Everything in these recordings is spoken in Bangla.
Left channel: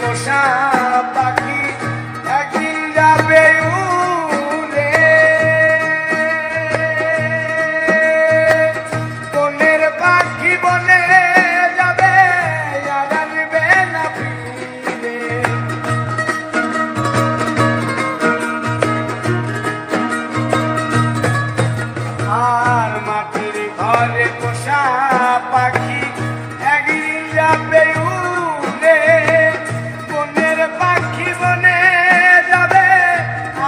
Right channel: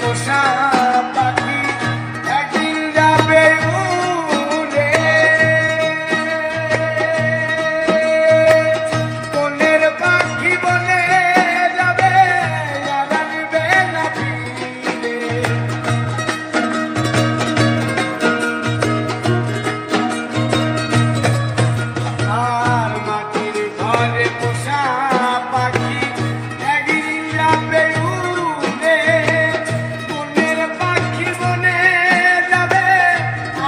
পোষা পাখি একদিন যাবে উড়ে, বনের পাখি বনে যাবে আর আসবে না ফিরে। আর মাটির ঘরে পোষা পাখি একদিন যাবে উড়ে, বনের পাখি বনে যাবে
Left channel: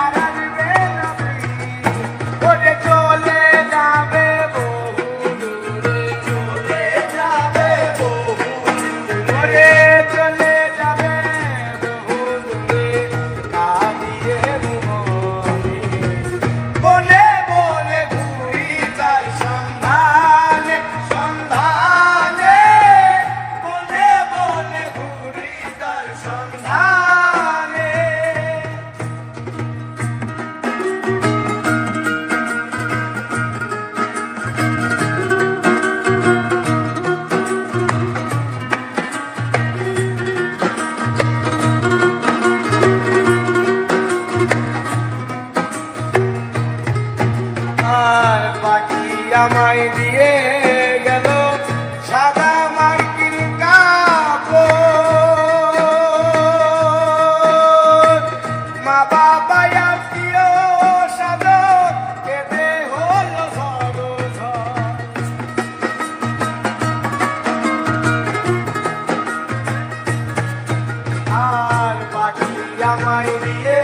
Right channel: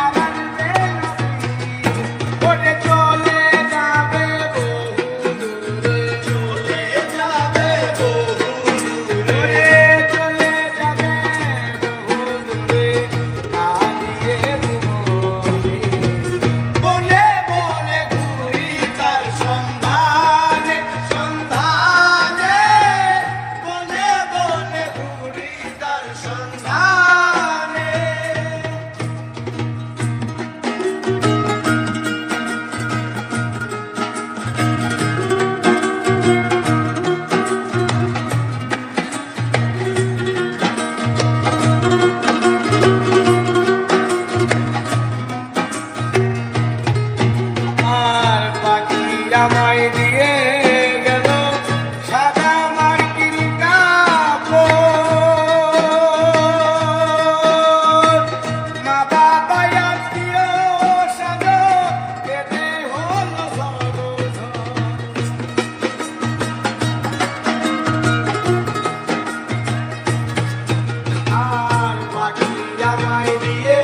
আর আসবে না ফিরে। ওরে চলে যাবে বহু দূরে, চলে যাবে বহু দূরে, চলে যাবে বহু দূরে, কাঁদিয়ে মরে। বনে বনে ঘুরি তার সন্ধানে, সন্ধানে, বনে বনে ঘুরি তার সন্ধানে। আর পাখি আমায় দিয়ে গেল সাদা মার্কিন কাপড়, মা বাবা আত্মীয় স্বজন কেঁদে হলো ঝড়। আর পাখি আমায় দিয়ে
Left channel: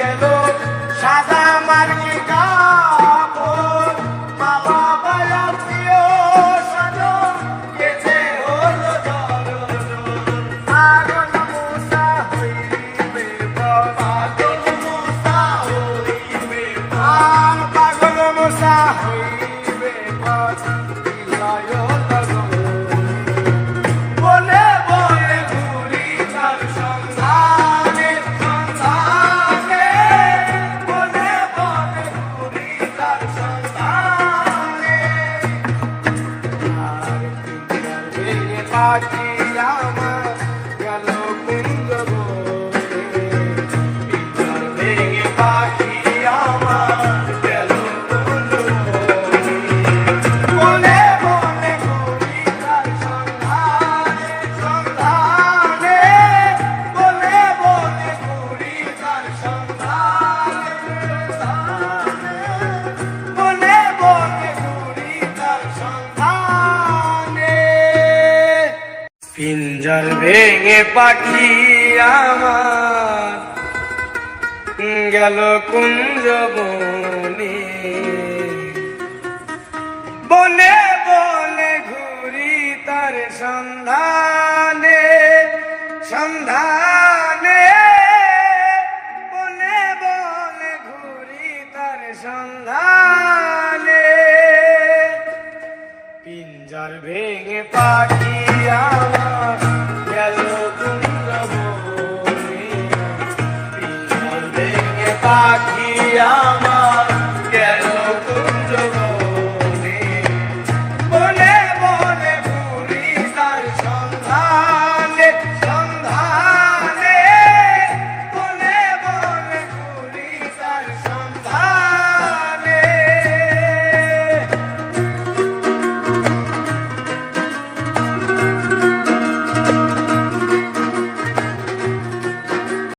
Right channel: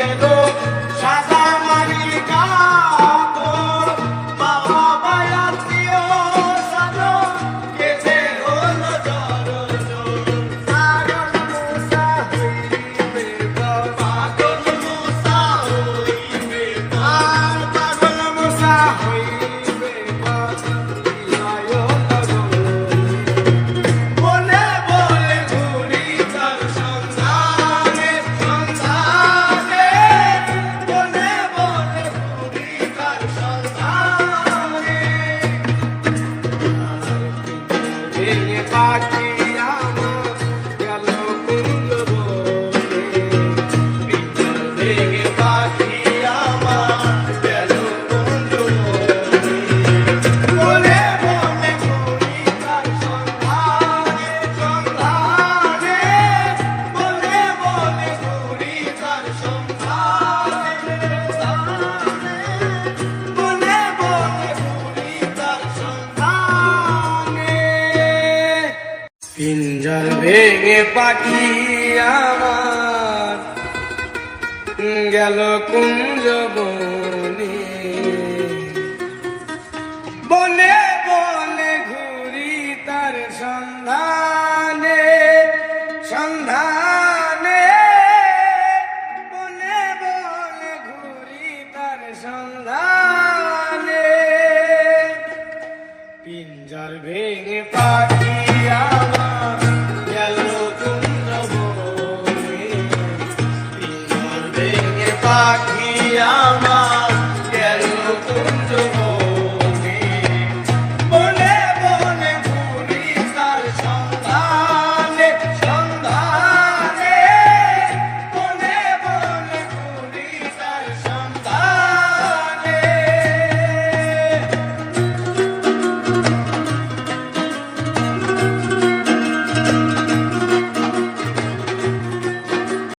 গেল সাদা মার্কিন কাপড়, মা বাবা আত্মীয় স্বজন কেঁদে হলো ঝড়। পাগল মূসা হইবে বল, পাগল মূসা হইবে বল, পাগল মূসা হইবে বল, বিদায় লাগো। বনে বনে ঘুরি তার সন্ধানে, সন্ধানে, বনে বনে ঘুরি তার সন্ধানে। আর পিঞ্জর ভেঙে পাখি আমার গেল কুঞ্জ বনে, পিঞ্জর ভেঙে পাখি আমার গেল কুঞ্জ বনে। বনে বনে ঘুরি তার সন্ধানে, সন্ধানে, বনে বনে ঘুরি তার সন্ধানে, সন্ধানে, বনে বনে ঘুরি তার সন্ধানে। পিঞ্জর ভেঙে পাখি আমার গেল কুঞ্জ বনে, বনে বনে ঘুরি তার সন্ধানে, সন্ধানে, বনে বনে ঘুরি তার সন্ধানে। পিঞ্জর ভেঙে পাখি আমার